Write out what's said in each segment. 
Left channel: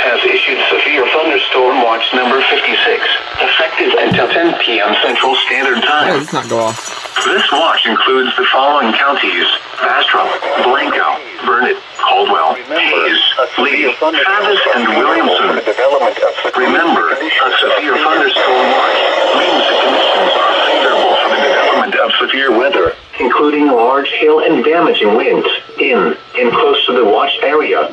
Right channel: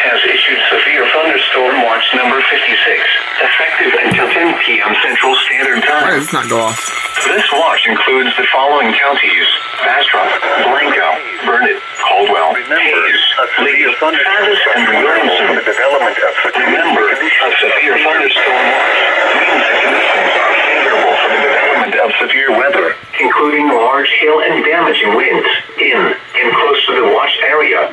has issued severe thunderstorm watch number 56, effective until 10 p.m. Central Standard Time. Why does this not go off? This watch includes the following counties: Bastrop, Blanco, Burnett, Caldwell, Hayes, Lee, Travis, and Williamson. Remember, a severe thunderstorm watch means the conditions are favorable for the development of severe weather, including large hail and damaging winds in and close to the watch area.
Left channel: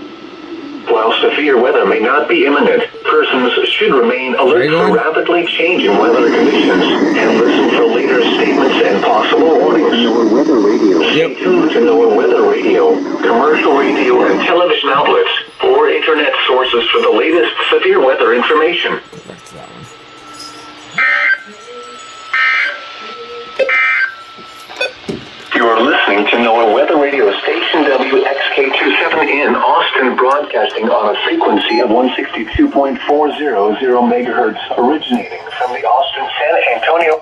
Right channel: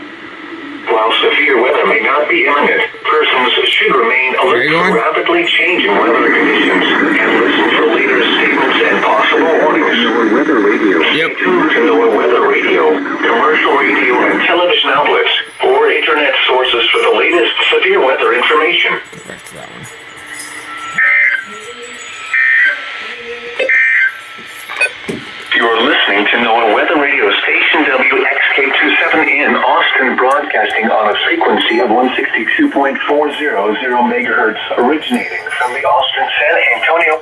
While severe weather may not be imminent, persons should remain alert to rapidly changing weather conditions and listen for later statements and possible warnings. NOAA Weather Radio. Stay tuned to NOAA Weather Radio, commercial radio and television outlets, or internet sources for the latest severe weather information. Back to that one. You're listening to NOAA Weather Radio Station WXK27 in Austin, broadcasting on a frequency of 162.400 megahertz, originating from the Austin San Antonio.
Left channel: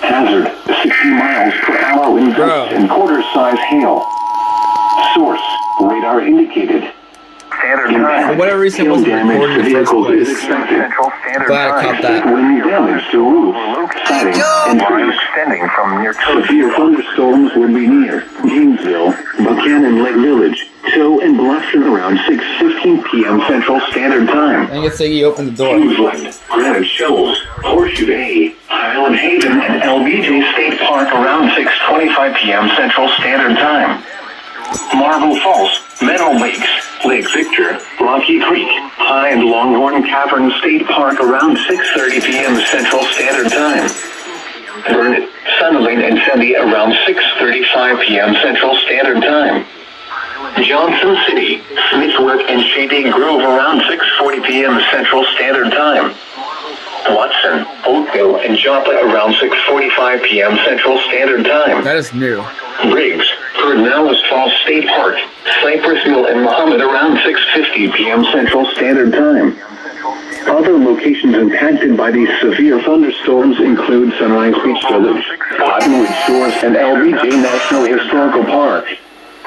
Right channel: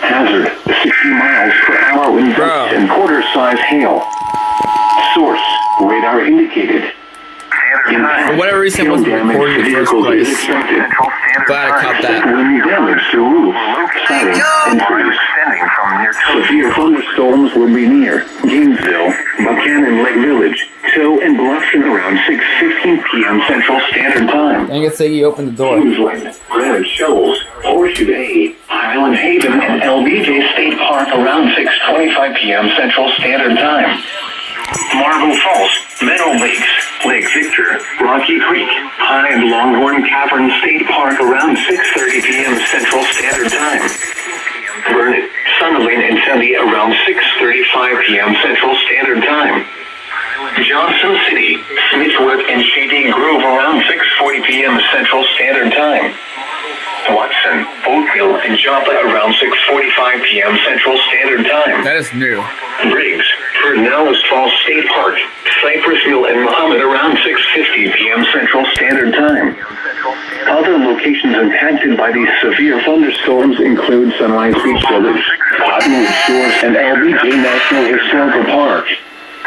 Hazard: 60 miles per hour wind gusts and quarter-size hail. Source: radar indicated. For whatever reason, it wasn't recording in the first place. Glad I caught that. Damage to roofs, siding, and trees extending from near severe thunderstorms would be near Gainesville, Buchanan Lake Village, Stowe, and Bluffton around 6:15 p.m. Central Standard Time. Dang it, Siggy, opened the door. Kingsland, Granite Shoals, Horseshoe Bay, Highland Haven, and LBJ State Park around 6:25 p.m. Central Standard Time. Marble Falls, Meadow Lakes, Lake Victor, Rocky Creek, High and Longhorn Cavern State Park around 6:30 p.m. Central Standard Time. Burnett, Sunderland, and Sunday around 6:35 p.m. Central Standard Time. Johnson City, Smithwood, and Shady Grove around 6:40 p.m. Central Standard Time. Watson, Oakville, and Joppa around 6:45 p.m. Central Standard Time. That is new. Briggs, Pedernales Falls State Park, Cypress Mill, and Muhammad around 6:50 p.m. Central Standard Time. Other locations impacted by these severe thunderstorms include Sunrise Beach Village, Cottonwood Shores, and LBJ National Historical Park.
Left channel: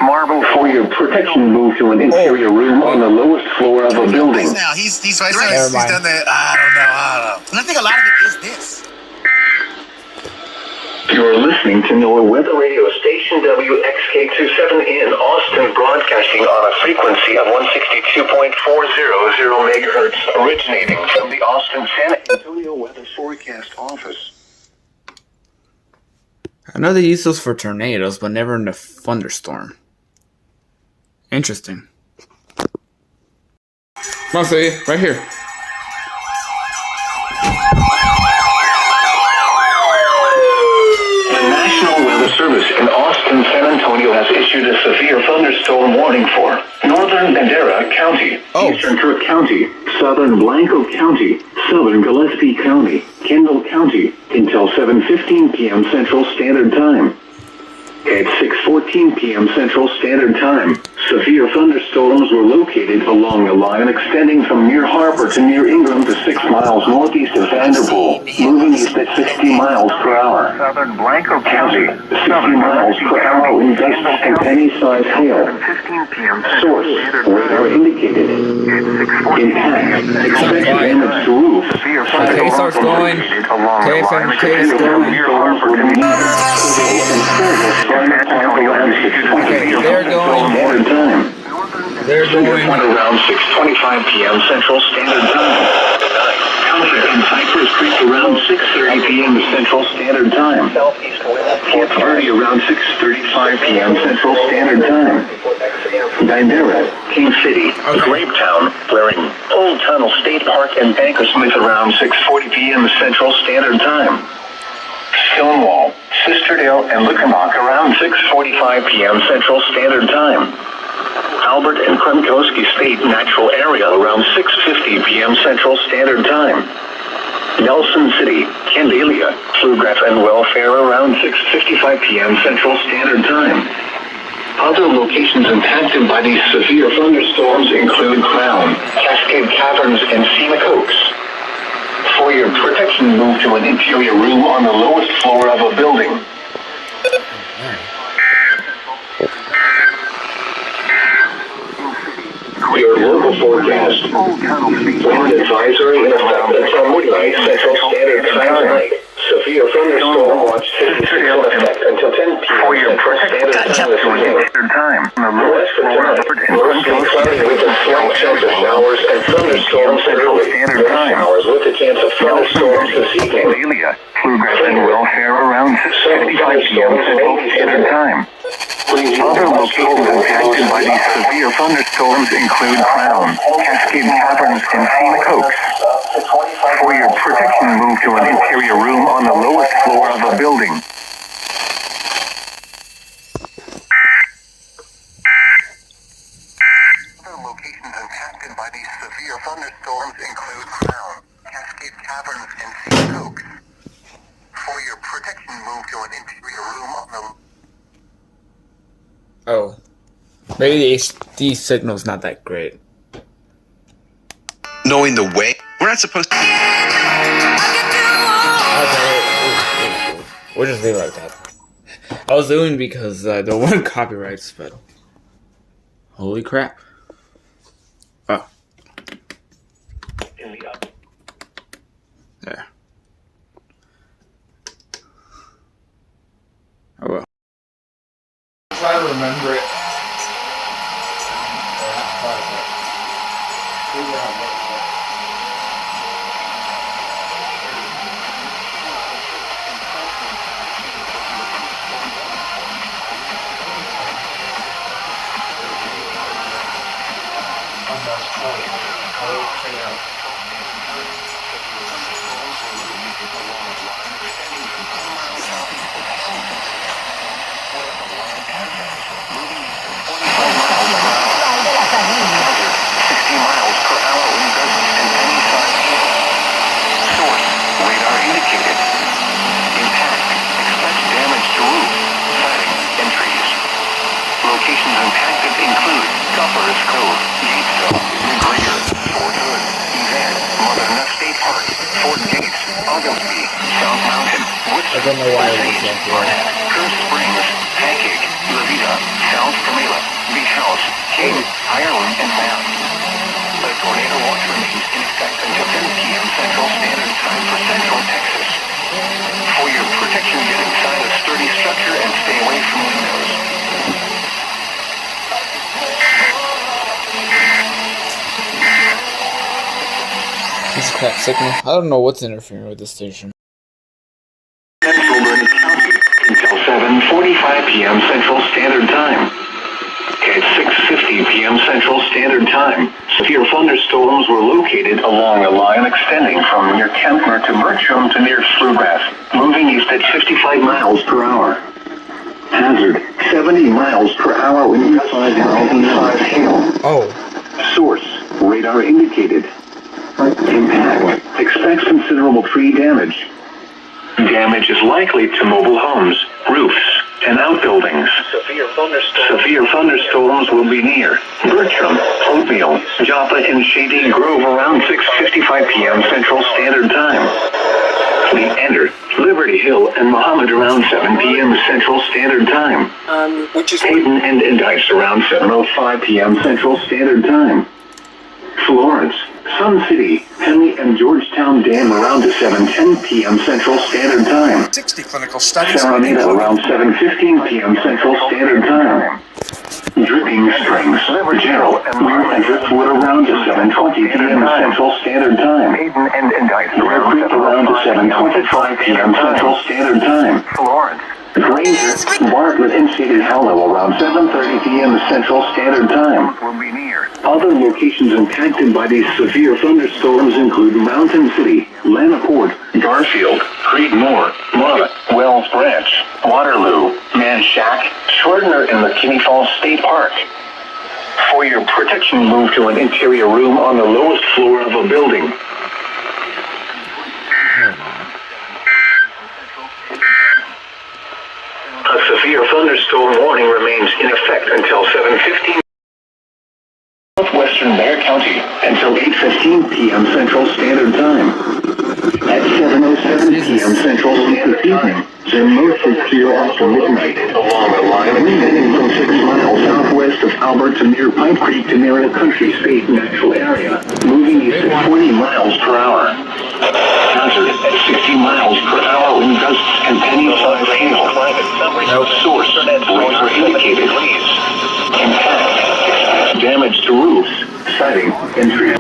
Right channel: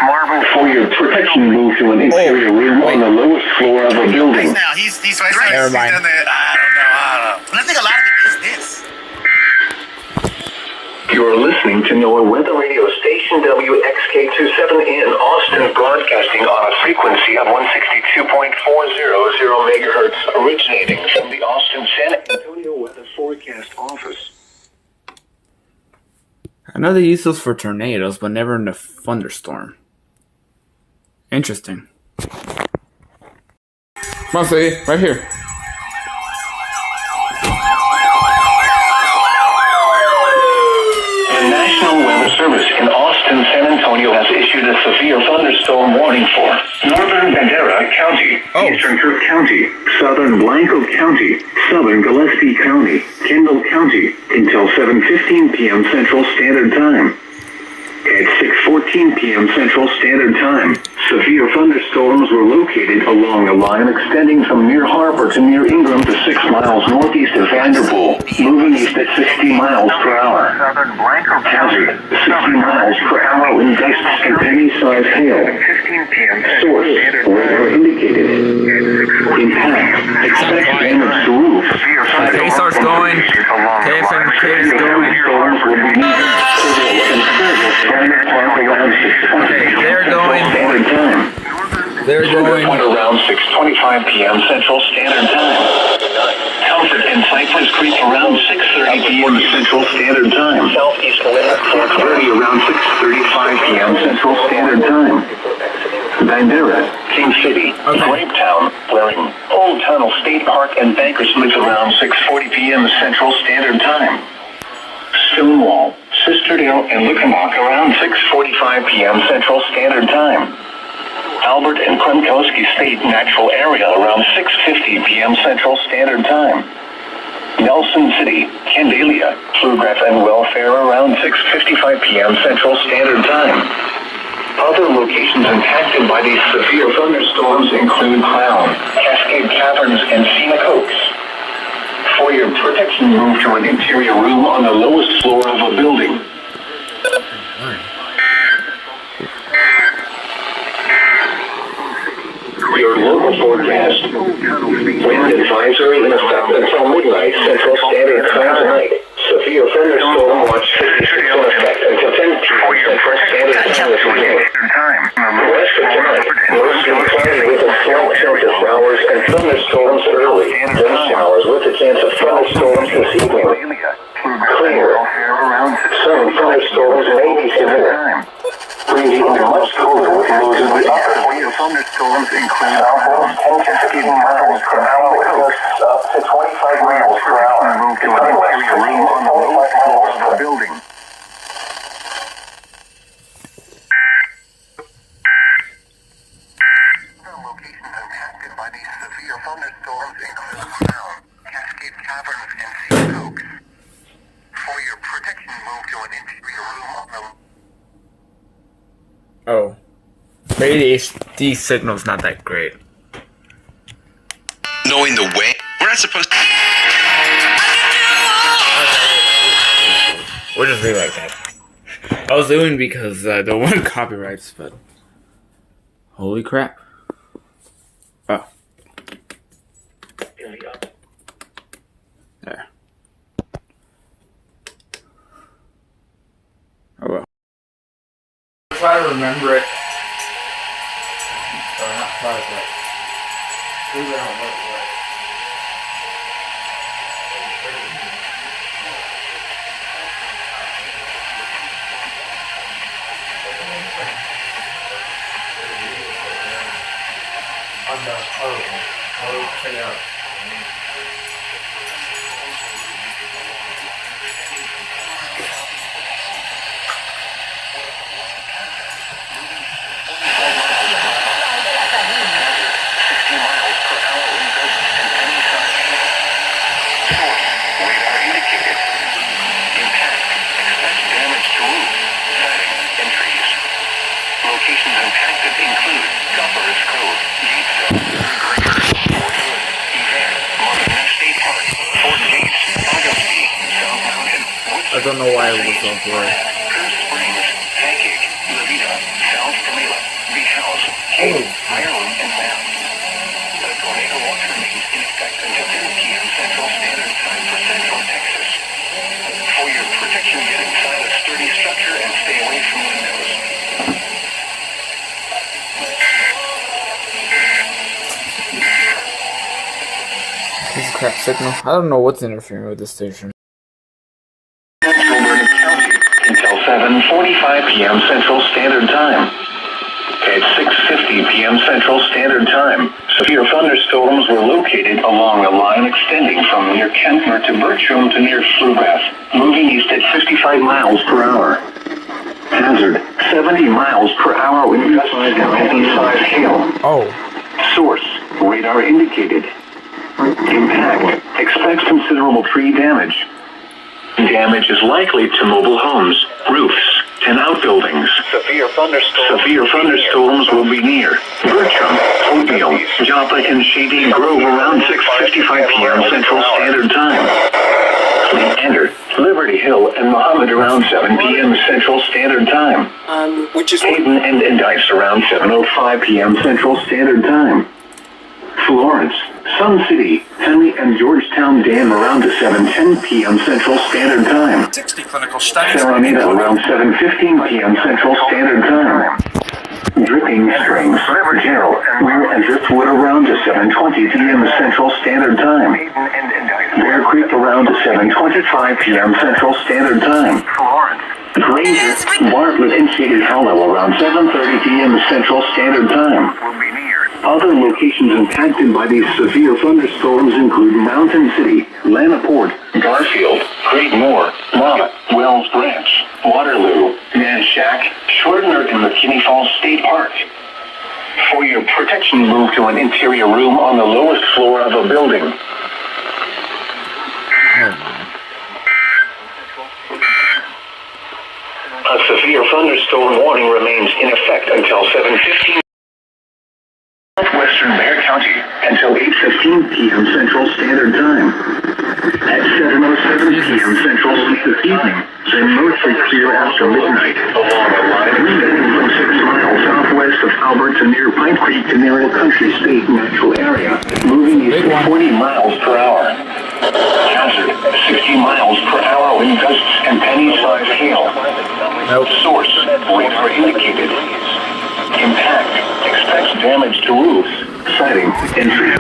Marble, for your protection, move to an interior room on the lowest floor of a building. Now he's right there. He's done that. I don't know. But I think a lot of it is this. You're listening to NOAA Weather Radio Station WXK27 in Austin, broadcasting on a frequency of 162.400 megahertz, originating from the Austin San Antonio Weather Forecast Office. I know they use those for tornadoes, but never in a thunderstorm. Interesting. Come on, say right here. The National Weather Service in Austin, San Antonio has issued a severe thunderstorm warning for northern Bandera County, eastern Cook County, southern Blanco County, southern Gillespie County, Kendall County, until 7:15 p.m. Central Standard Time. At 6:14 p.m. Central Standard Time, severe thunderstorms were located along a line extending from near Harbor to near Ingram to 6 miles northeast of Vanderpool, moving east at 60 miles per hour. Southern Blanco County, 60 miles per hour in gusts and penny-sized hail. Source, radar indicated. Impact, expect damage to roof. Okay, starts going. KFMK is going. Storms will be near. Okay, they're going. They're going. Around 6:25 p.m. Central Standard Time. Comfort and Cypress Creek around 6:30 p.m. Central Standard Time. Southeast wind 30 around 6:35 p.m. Central Standard Time. Bandera, King City, Grapetown, Blaring, Old Tunnel State Park, and Bankersmith around 6:40 p.m. Central Standard Time. Stonewall, Sisterdale, and Lickamock around 6:45 p.m. Central Standard Time. Albert and Kremkowski State Natural Area around 6:50 p.m. Central Standard Time. Nelson City, Candelia, Pflugraf, and Welfare around 6:55 p.m. Central Standard Time. Other locations impacted by these severe thunderstorms include Crown, Cascade Caverns, and Scenic Oaks. For your protection, move to an interior room on the lowest floor of a building. Your local forecast. Wind advisory in effect until midnight Central Standard Time tonight. Severe thunderstorm watch 56 in effect until 10 p.m. Central Standard Time this evening. West of tonight, mostly cloudy with a slight chance of showers and thunderstorms early. Then showers with a chance of thunderstorms this evening. Clear. Some thunderstorms may be severe. Severe thunderstorms include clouds, cascade patterns, and sea coast. For your protection, move to an interior room on the lowest floor of the building. Other locations impacted by these severe thunderstorms include clouds, cascade caverns, and sea coast. For your protection, move to an interior room on the Oh. Maybe the HD signal's not that great. Knowing the way, we're not supposed to. We'll just leave it like that. I was doing because I don't want copyrights, but holy crap. Oh. There. Oh well. Try to remember it. Or not try to, but figure out what it was. On the code check it out. Locations impacted include Governor's Cove, Gatesville, Greater, Fort Hood, Evan, Mother State Park, Fort Gates, Augustine, South Mountain, Woodson, I don't know why it was on here. Curve Springs, Pancake, Levita, South Camilla, Lee House, King, Ireland, and Sam. The tornado watch remains in effect until 10 p.m. Central Standard Time for Central Texas. For your protection, get inside a sturdy structure and stay away from windows. This is a crap signal. I don't know what's interfering with this station. Central Burnett County until 7:45 p.m. Central Standard Time. At 6:50 p.m. Central Standard Time, severe thunderstorms were located along a line extending from near Kempner to Bertram to near Pflugrath, moving east at 55 miles per hour. Hazard, 70 miles per hour wind gusts and 55 hail. Oh. Source, radar indicated. Impact, expect considerable tree damage. Damage is likely to mobile homes, roofs, and outbuildings. Severe thunderstorms will be near Bertram, Oatmeal, Joplin, and Shady Grove around 6:55 p.m. Central Standard Time. Leander, Liberty Hill, and Mohammed around 7 p.m. Central Standard Time. Which is Hayden and Indice around 7:05 p.m. Central Standard Time. Florence, Sun City, Henley, and Georgetown Dam around 7:10 p.m. Central Standard Time. 60 clinical studies. Salamina around 7:15 p.m. Central Standard Time. Dripping Springs, General, Weir, and Driftwood around 7:20 p.m. Central Standard Time. Bear Creek around 7:25 p.m. Central Standard Time. Granger, Bartlett, and Shady Hollow around 7:30 p.m. Central Standard Time. Other locations impacted by these severe thunderstorms include Mountain City, Lanaport, Garfield, Great Moor, Lana, Wells Branch, Waterloo, Manchac, Shortner, and McKinney Falls State Park. For your protection, move to an interior room on the lowest floor of a building. A severe thunderstorm warning remains in effect until 7:15. Southwestern Bear County until 8:15 p.m. Central Standard Time. At 7:07 p.m. Central this evening, then mostly clear after midnight. Wind heading from 6 miles southwest of Albert to near Pipe Creek to near a country state natural area, moving east at 40 miles per hour. Hazard at 60 miles per hour wind gusts and penny-sized hail. Source, radar indicated. Impact, expects damage to roofs. Sighting, entry.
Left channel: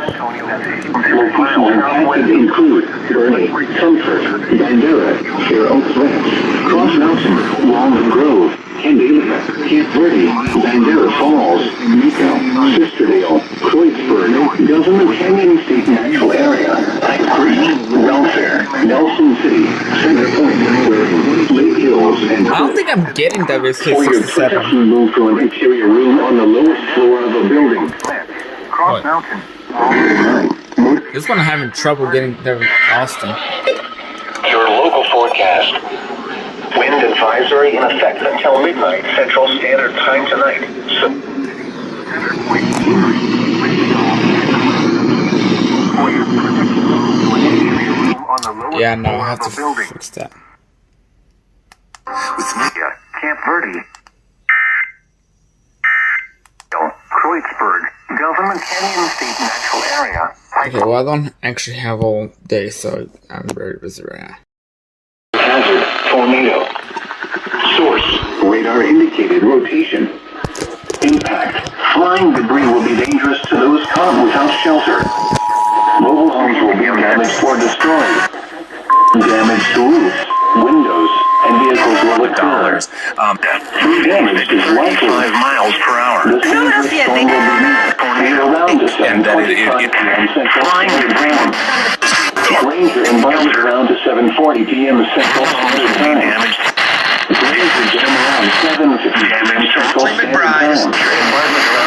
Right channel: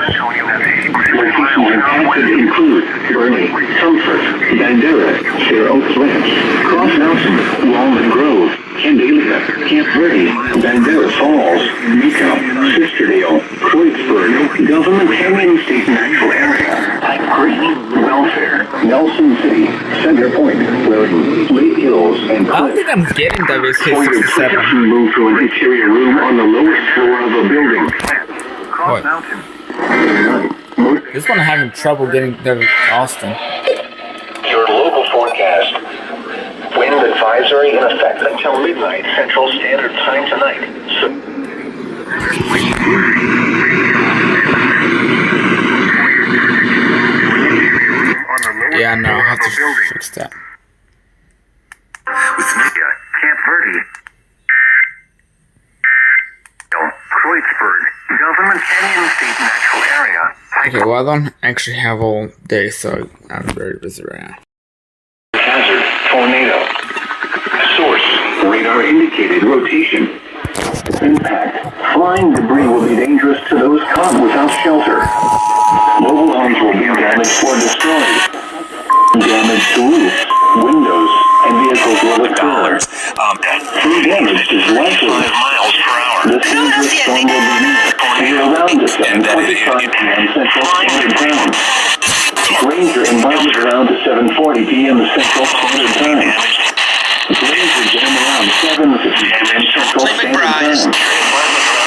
Locations impacted include Bernie, Sumford, Bandera, Fair Oaks Ranch, Cross Mountain, Walnut Grove, Candelia, Camp Verde, Bandera Falls, Miko, Sisterdale, Croixburg, Government Canyon State Natural Area, Pipe Creek, Welfare, Nelson City, Center Point, Lake Hills, and I don't think I'm getting For your WSK-67. protection, move to an interior room on the lowest floor of a building. Cross What? Mountain. This one I'm having trouble getting to Austin. Your local forecast. Wind advisory in effect until midnight Central Standard Time tonight. Yeah, no, I'll have to fix that. With Media, Camp Verde, Kreuzberg, Government Canyon State Natural Area. Okay, well, I don't actually have all day, so I'm very busy right now. Hazard, tornado. Source, radar indicated rotation. Impact, flying debris will be dangerous to those caught without shelter. Mobile homes will be damaged or destroyed. Damage to roofs, windows, and vehicles will occur. Damage is likely 5 miles per hour. The dangerous storm will be around the 7:45 p.m. Central Standard Time. Ranger inbound around to 7:40 p.m. Central Standard Time. Ranger jam around 7:50 p.m. Central Standard Time.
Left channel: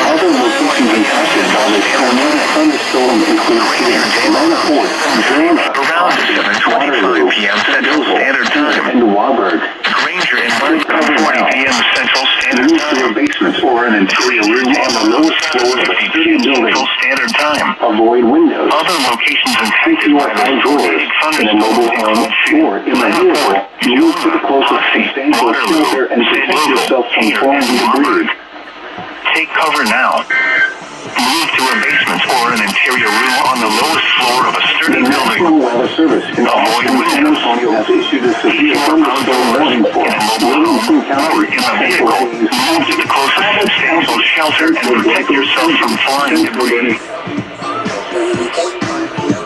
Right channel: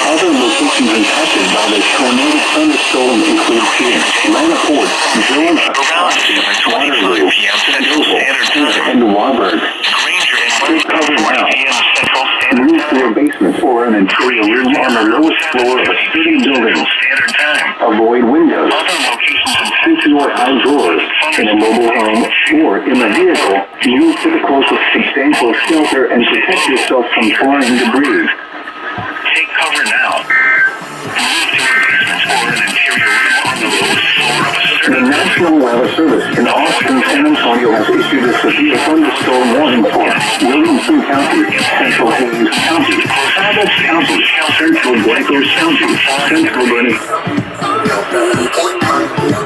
Other locations impacted by the tornado thunderstorm include here, Lana Fort, Grand around 7:25 p.m. Central Standard Time, and Warburg. Ranger inbound 7:40 p.m. Central Standard Time. Move to a basement or an interior room on the lowest floor of a sturdy building. Standard Time. Avoid windows. Other locations impacted or outdoors in a mobile home or in a vehicle. Move to the closest substantial shelter and protect yourself from flying debris. Take cover now. Move to a basement or an interior room on the lowest floor of a sturdy building. The National Weather Service in Austin, San Antonio has issued a severe thunderstorm warning for Williamson County, Central Hays County. Travis Council shelter and protect yourself from flying debris.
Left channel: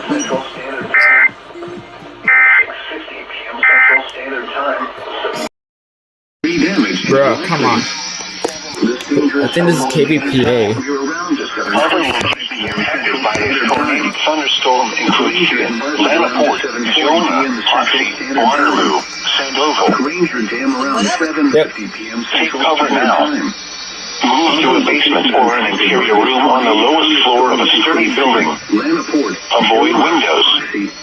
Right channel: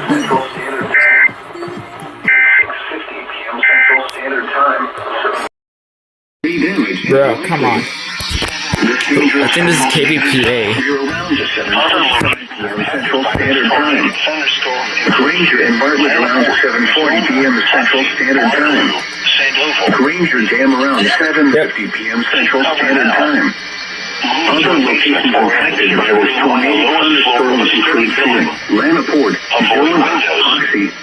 Central Standard Time. 6:50 p.m. Central Standard Time. Bro, come on. I think this is KBPA. Other locations impacted by this thunderstorm include Lanaport, Waterloo, St. Louis. Ranger jam around 7:50 p.m. Central Standard Time. Move to a basement or an interior room on the lowest floor of a sturdy building. Lanaport. Avoid windows.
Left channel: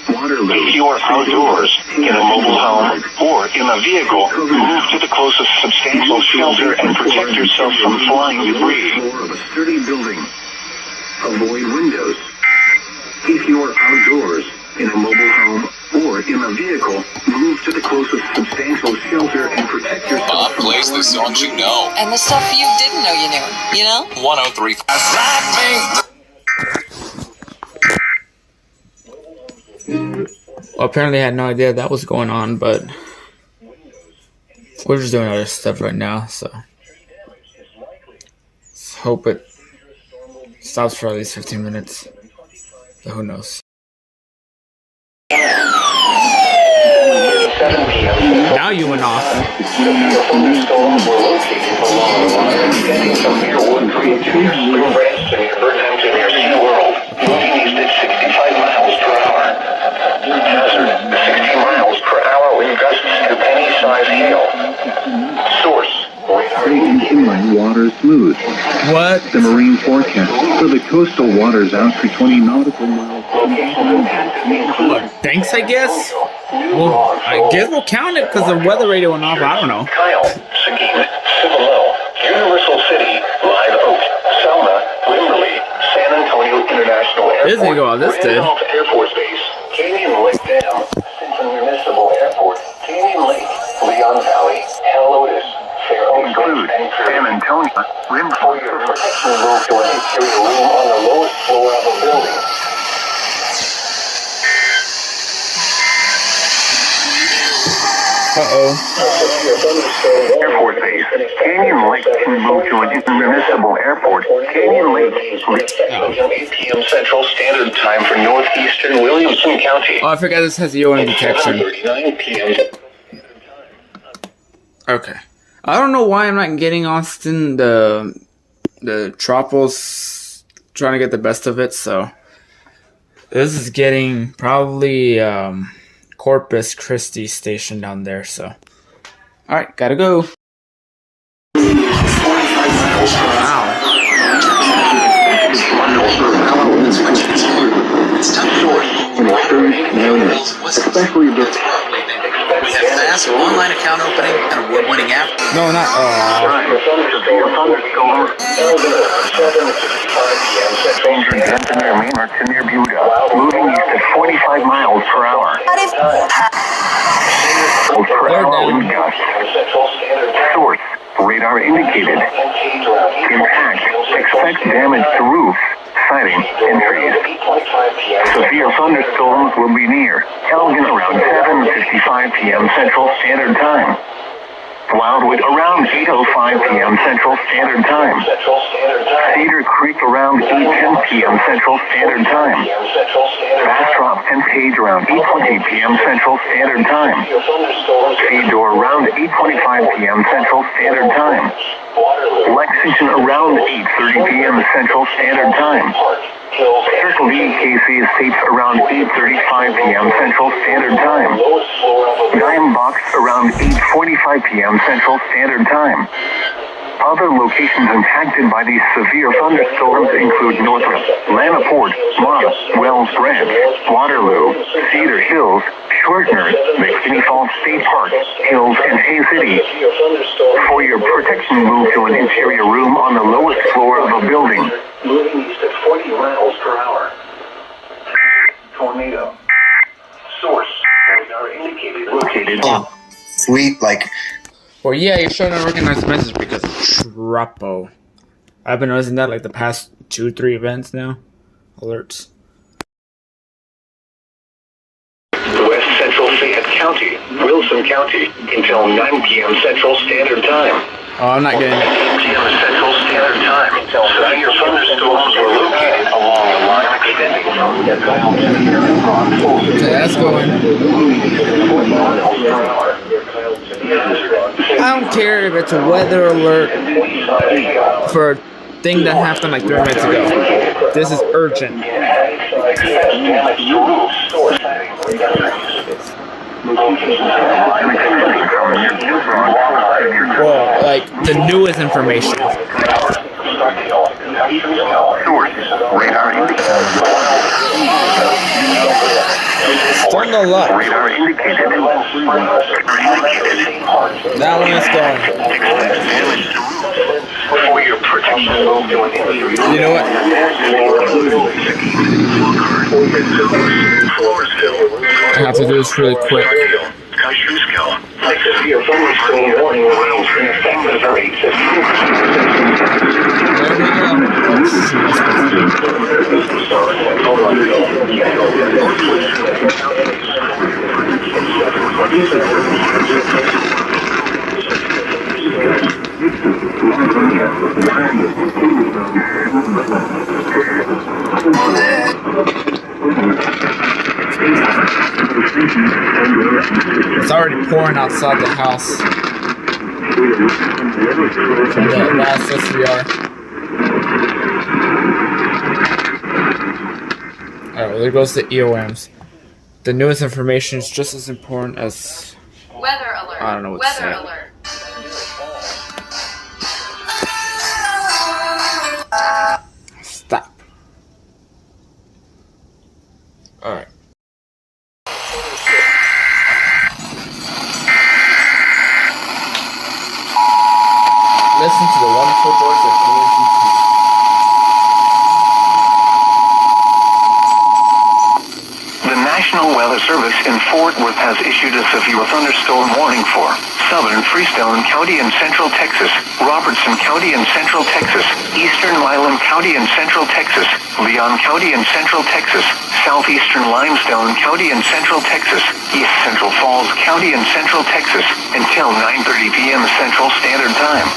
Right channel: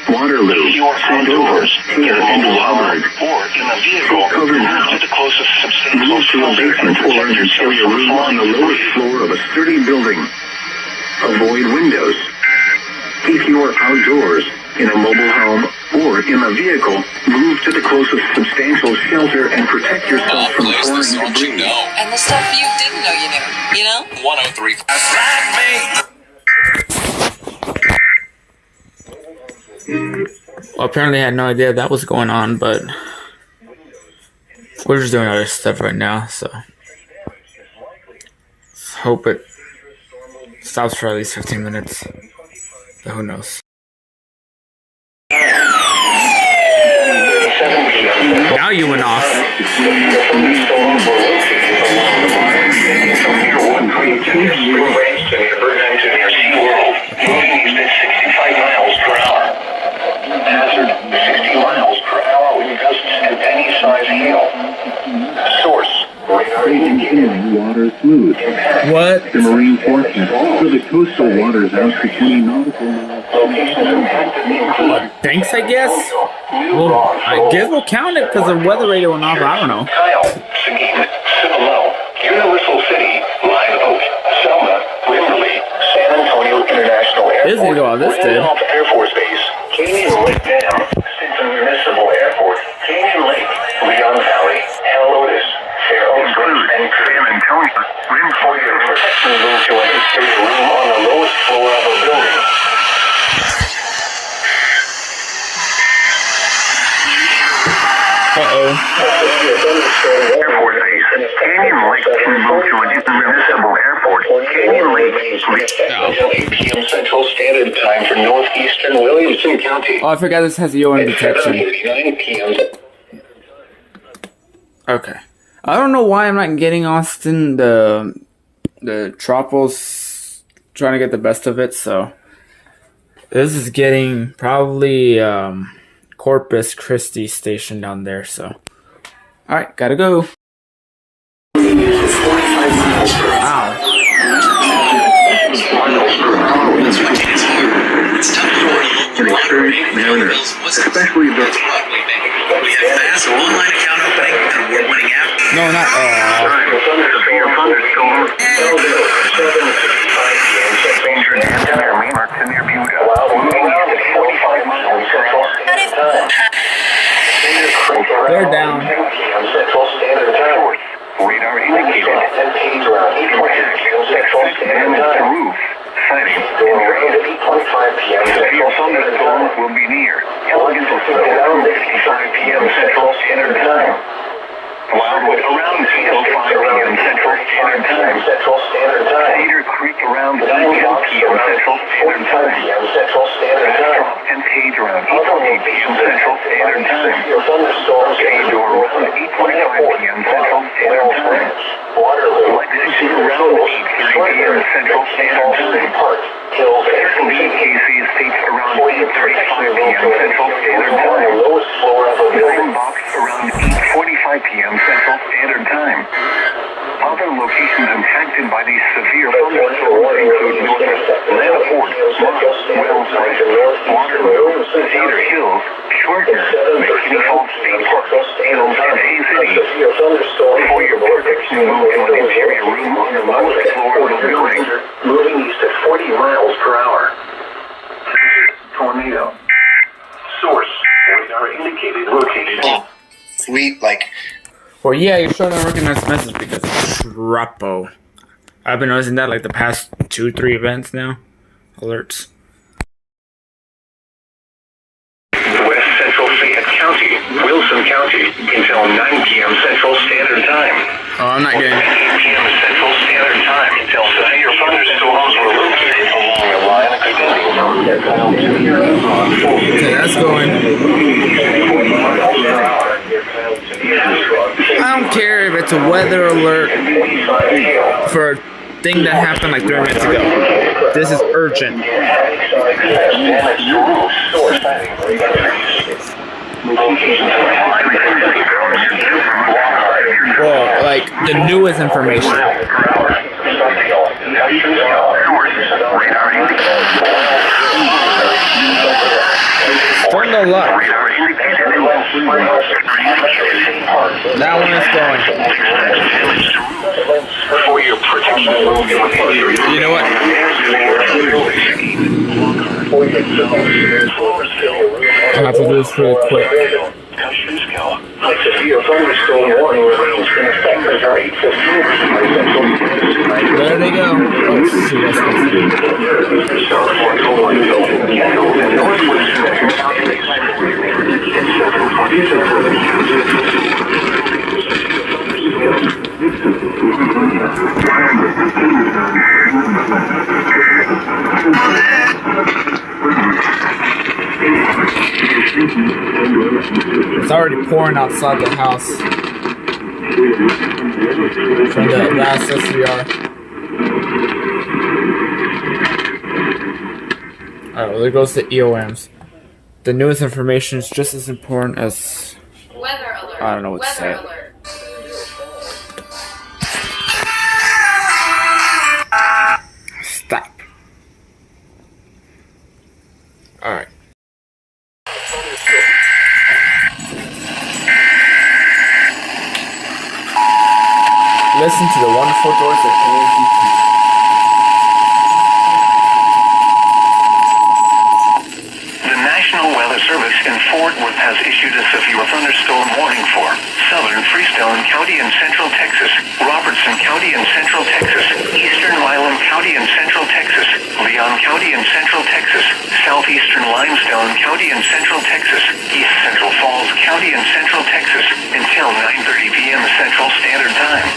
Waterloo. If you are outdoors, in a mobile home, or in a vehicle, move to the closest substantial shelter and protect yourself from flying debris. Floor of a sturdy building. Avoid windows. If you are outdoors, in a mobile home, or in a vehicle, move to the closest substantial shelter and protect yourself from plays the flying songs you debris. know. And the stuff you didn't know you knew, you know? 103. Well, apparently I had no idea that was going on, but we're just doing other stuff right now, so let's hope it stops for at least 15 minutes. But who knows? Now you went off. Hazard, 60 miles per hour wind gusts to penny-sized hail. Source, inland water smooth. What? The marine forecast for the coastal waters out to 20 nautical miles. What, thanks, I guess? Well, I guess we'll count it because the weather radio went off. I don't know. Kyle, Seguin, Cibolo, Universal City, Live Oak, Selma, Limberley, San Antonio International Airport, This didn't go out, this did. Randolph Air Force Base, Canyon Lake Dam, Sinton Municipal Municipal Airport, Canyon Lake, Leon Valley, Helotes, Fair Oaks, and San Antonio, for your protection, move to an exterior room on the lowest floor of a building. Airport base. Canyon Lake can move to an municipal airport. Canyon Lake. 8 p.m. Central Standard Time for northeastern Williamson County. Oh, I forgot this has EOM detection. 7:39 p.m. Okay. I don't know why I'm not getting Austin the Tropos, trying to get the best of it, so this is getting probably Corpus Christi station down there, so alright, gotta go. Ow. Especially the Fast online account opening and award-winning app. No, not severe thunderstorms. 7:55 p.m. Central Standard Time. To near Buda, moving east at 45 miles per hour. they're down. Central Standard Time. Source, radar indicated. 10 page around 8 p.m. Central Expect Standard damage to Time. roof, siding, Storm area to 8:25 p.m. severe thunderstorms will be near. Elgin around 7:55 p.m. Central Standard Time. Wildwood around 8:05 p.m. Central Standard Time. Central Standard Time. Cedar Creek around 8:10 p.m. Central Standard Time. p.m. Central Standard Time. Drop and Page around 8:20 p.m. Central Standard Time. Your thunderstorms. Sador around 8:25 p.m. Central Standard Time. Waterloo. Lexington around 8:30 p.m. Central Standard Time. Park. Hills. Circle D KC Estates around 8:35 p.m. Central Standard Time. Lowest floor of a building. Box around 8:45 p.m. Central Standard Time. Other locations impacted by these severe thunderstorms include Northrop, Lanaport, Mons, Wells Ranch, Waterloo, Cedar Hills, Shortner, McKinney Falls State Park, Hills, and Hay City. Your thunderstorm. For your protection, move to an interior room on the lowest floor of a building. Moving east at 40 miles per hour. Tornado. Source. Radar indicated location. Sweet, like, Well, yeah, you're showing a recognized message because of Trapo. I've been noticing that like the past 2-3 events now. Alerts. West Central Fayette County, Wilson County, until 9 p.m. Central Standard Time. Oh, I'm not getting it. 8 p.m. Central Standard Time until 9 your thunderstorms are located along a line extending from Deadville to near Elron. Okay, that's going. I don't care if it's a weather alert for a thing that happened like 3 minutes ago. This is urgent. Well, like the newest information. Turn the luck. That one is going. You know what? I have to do this really quick. There they go. Let's see what's supposed It's already pouring outside the house from the last SVR. Alright, well there goes the EOMs. The newest information is just as important as Weather alert. I don't know what to say. Weather alert. Stop. Alright. Listen to the wonderful joys of AMGP. The National Weather Weather Service in Fort Worth has issued a severe thunderstorm warning for southern Freestone County in central Texas, Robertson County in central Texas, eastern Milam County in central Texas, Leon County in central Texas, southeastern Limestone County in central Texas, east central Falls County in central Texas until 9:30 p.m. Central Standard Time.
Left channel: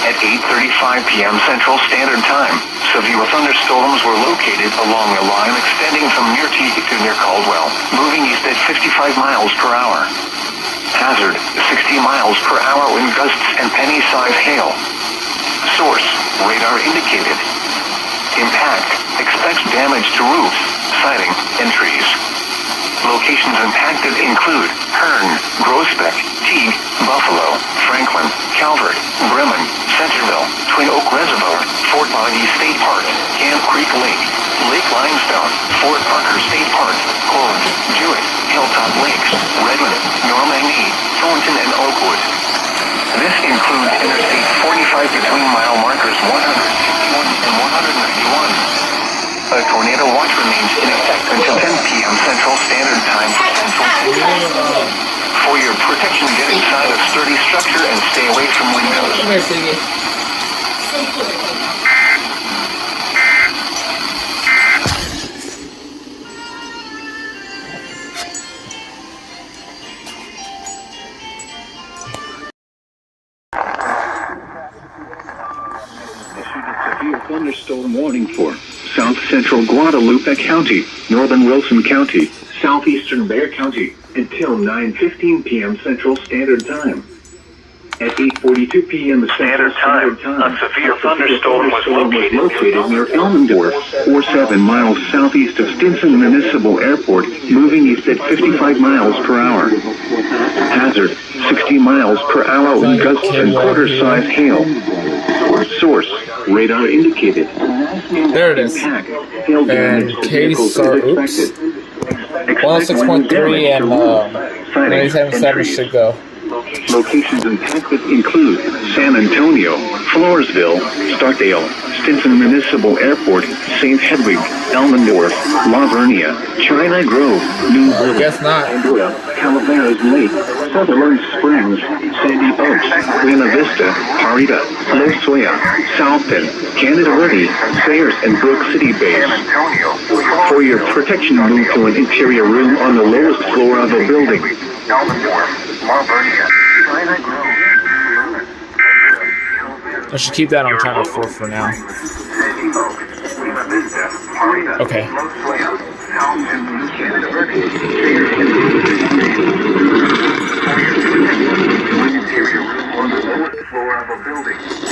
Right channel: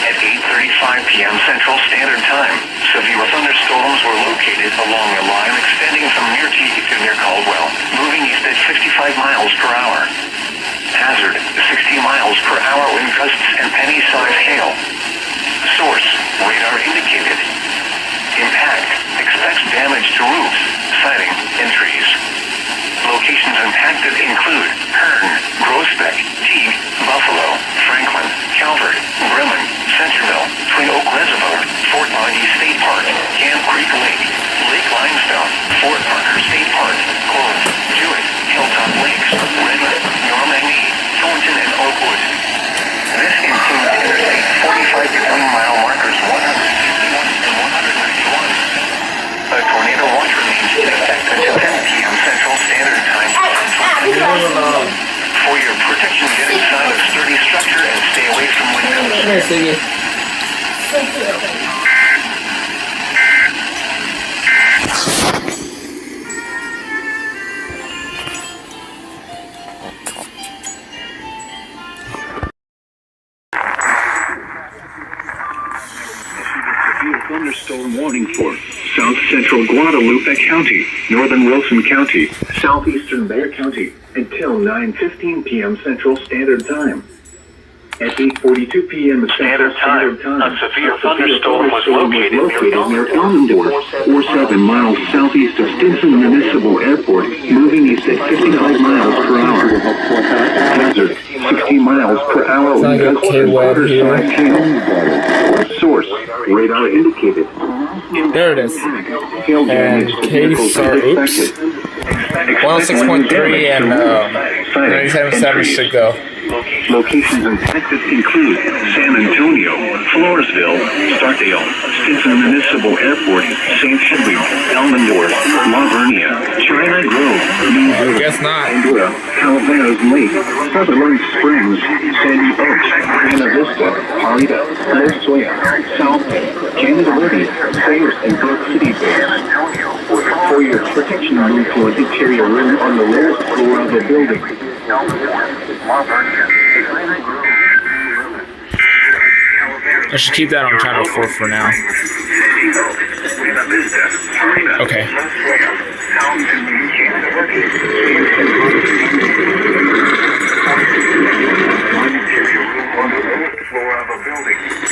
At 8:35 p.m. Central Standard Time, severe thunderstorms were located along a line extending from near Teague to near Caldwell, moving east at 55 miles per hour. Hazard, 60 miles per hour wind gusts and penny-sized hail. Source, radar indicated. Impact, expects damage to roofs, siding, and trees. Locations impacted include Hearn, Groesbeck, Teague, Buffalo, Franklin, Calvert, Bremen, Centerville, Twin Oak Reservoir, Fort Bonney State Park, Camp Creek Lake, Lake Limestone, Fort Parker State Park, Corinth, Jewett, Hilltop Lakes, Redmond, Normandy, Thornton, and Oakwood. This includes Interstate 45 between mile markers 161 and 191. A tornado watch remains in effect until 10 p.m. Central Standard Time. For your protection, get inside a sturdy structure and stay away from windows. Come here, Siggy. Severe thunderstorm warning for South Central Guadalupe County, Northern Wilson County, Southeastern Bexar County, until 9:15 p.m. Central Standard Time. At 8:42 p.m. Standard Time, a severe thunderstorm was located near Elmendorf, 47 miles southeast of Stinson Municipal Airport, moving east at 55 miles per hour. Hazard, 60 miles per hour wind gusts and quarter-sized hail. Source, radar indicated. There it is. And case or oops. 106.3 and 97.7 should go. Locations impacted include San Antonio, Floresville, Starkdale, Stinson Municipal Airport, St. Hedwig, Elmendorf, La Vernia, China Grove, New I guess not. Andorra, Calaveras Lake, Sutherland Springs, Sandy Oaks, Buena Vista, Parita, Los Sueños, South Bend, Canada Ready, Sayers, and Brook City Base. For your protection, move to an interior room on the lowest floor of a building. I should keep that on channel 4 for now. Okay.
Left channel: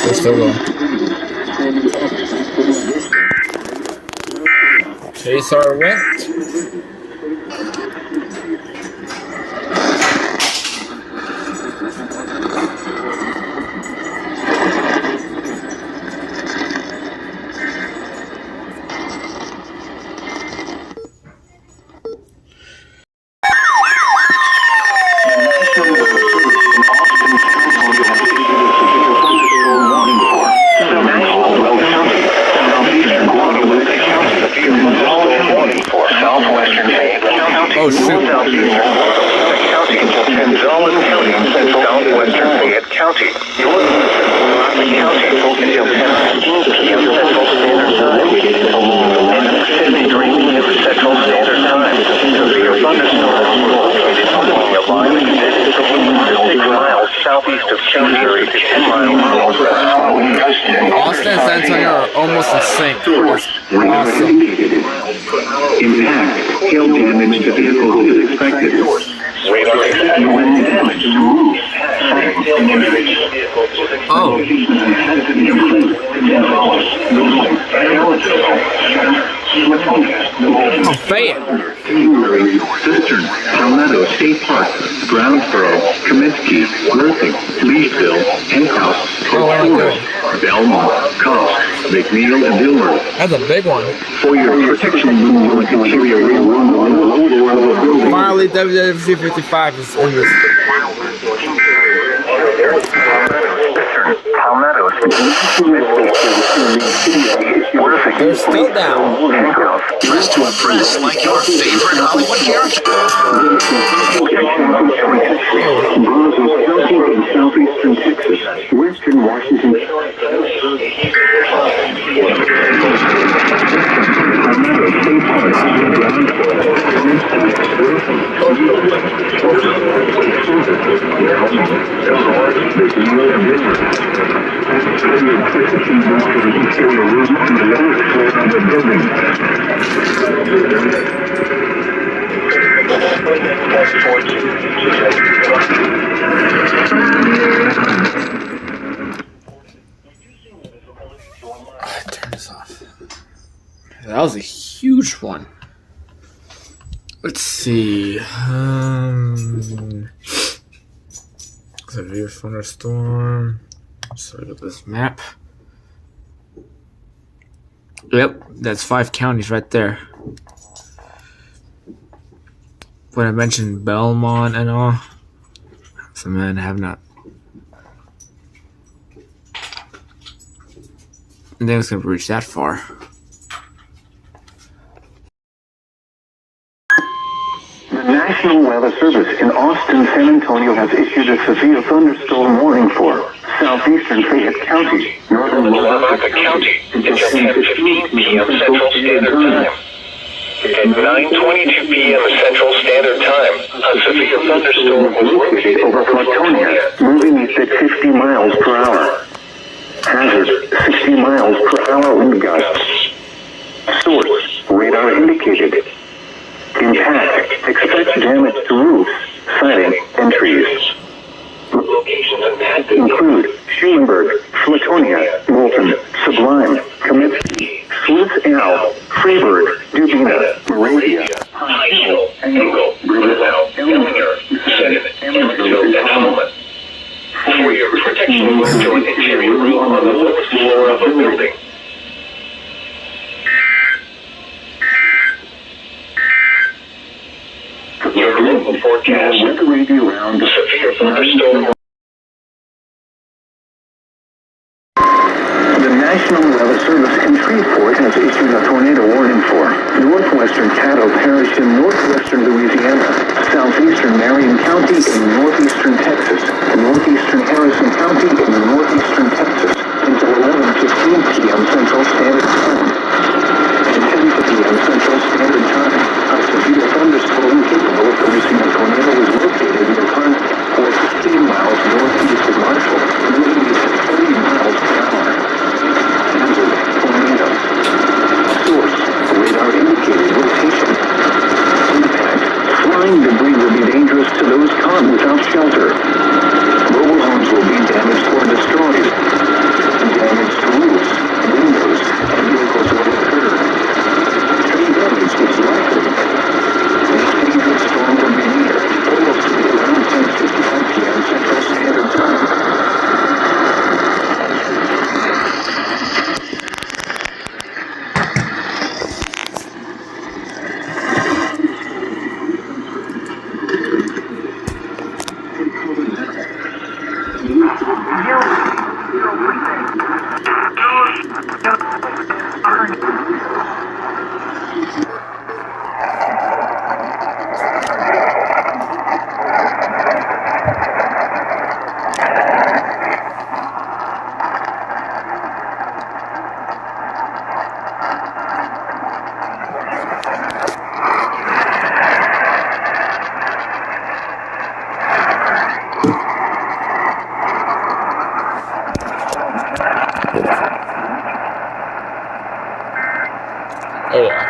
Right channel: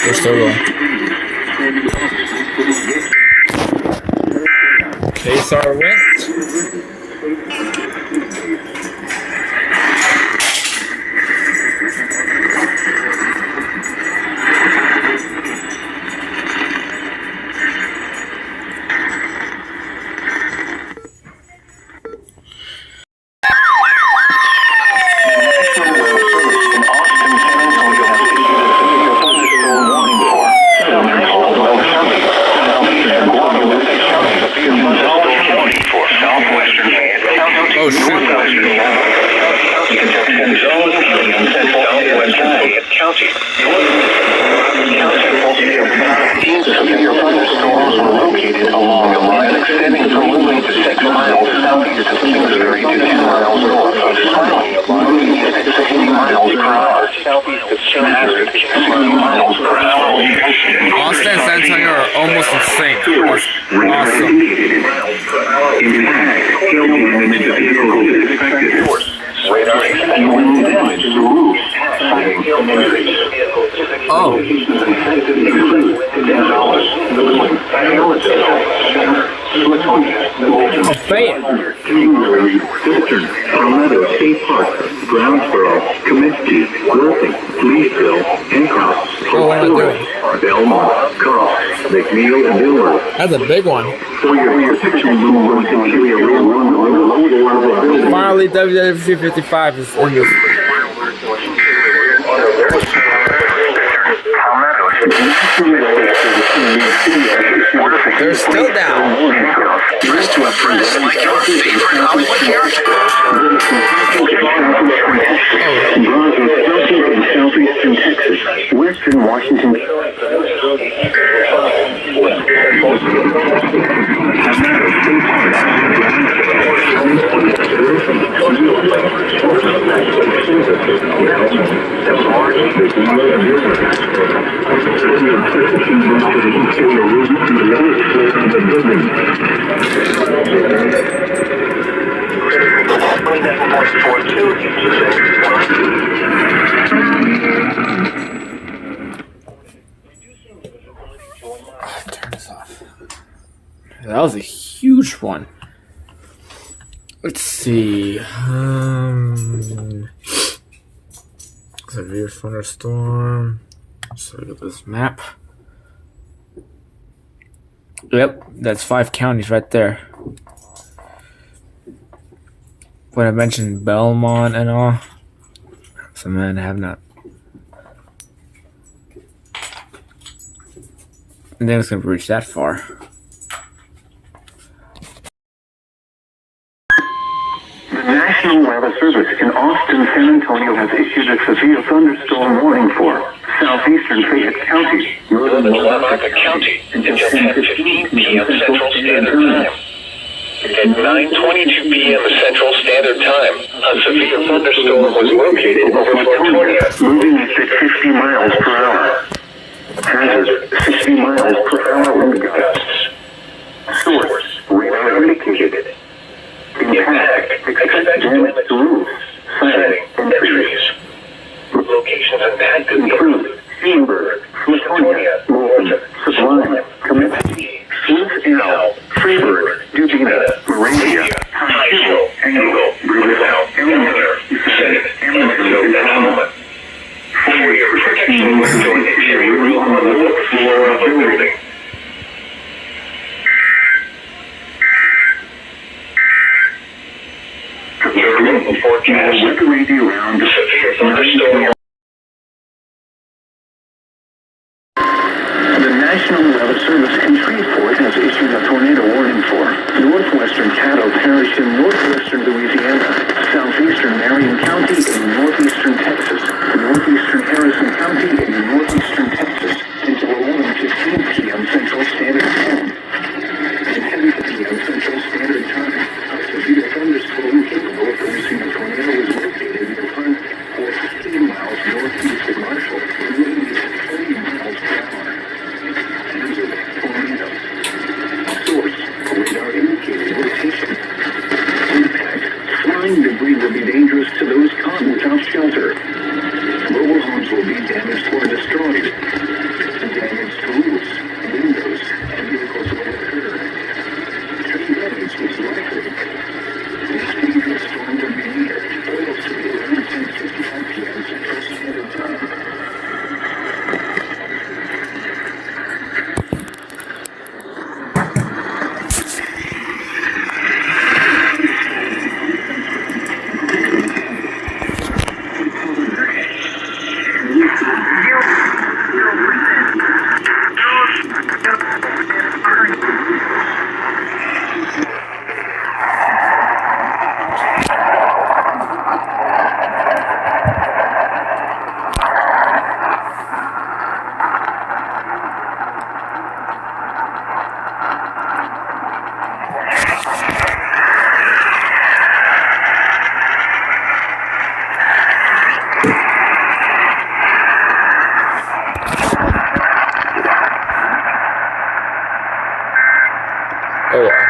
We're still going. KSR went. Oh, shoot. Austin and San Antonio are almost in sync. Awesome. Oh. Oh, Fayette. Cistern, Palmetto State Park, Brownsboro, Comiskey, Worthing, Leesville, Hancock, Belmont, Cobb, McNeil, and Dillard. That's a big one. For your protection, move on interior room. Finally, WWC 55 is in this. They're still down. Press to impress like your favorite Hollywood character. Brazos County in southeastern Texas, western Washington. Another state park Turn this off. That was a huge one. Let's see. Severe thunderstorm. So look at this map. Yep, that's 5 counties right there. When I mentioned Belmont and all, some men have not. I think it's gonna reach that far. The National Weather Service in Austin, San Antonio has issued a severe thunderstorm warning for southeastern Fayette County, northern Lavaca County until 10:15 p.m. Central Standard Time. At 9:22 p.m. Central Standard Time, a severe thunderstorm was located over Flatonia, moving at 50 miles per hour. Hazard, 60 miles per hour wind gusts. Source, radar indicated. Impact, expect damage to roofs, siding, and trees. Locations impacted Include Schulenburg, Flatonia, Moulton, Sublime, Comiskey, Sleuth L, Freeburg, Dubina, Moravia, High Hill, Angle, Riverville, Elmira, Senate, Emersville, and Holman. For your protection, join interior room on the fourth floor of a building. Your local forecast. Weather radio around Severe thunderstorm. The National Weather Service in Shreveport has issued a tornado warning for northwestern Caddo Parish in northwestern Louisiana, southeastern Marion County in northeastern Texas, northeastern Harrison County in northeastern Texas until 11:15 p.m. Central Standard Time. At 10 p.m. Central Standard Time, a severe thunderstorm capable of producing a tornado was located in the front or 15 miles northeast of Marshall, moving at 30 miles per hour. Hazard, tornado. Source, radar indicated rotation. Impact, flying debris will be dangerous to those caught without shelter. Mobile homes will be damaged or destroyed. Damage to roofs, windows, and vehicles will occur. Tree damage is likely. This dangerous storm will be near or located around 10:55 p.m. Central Standard Time. Oh yeah.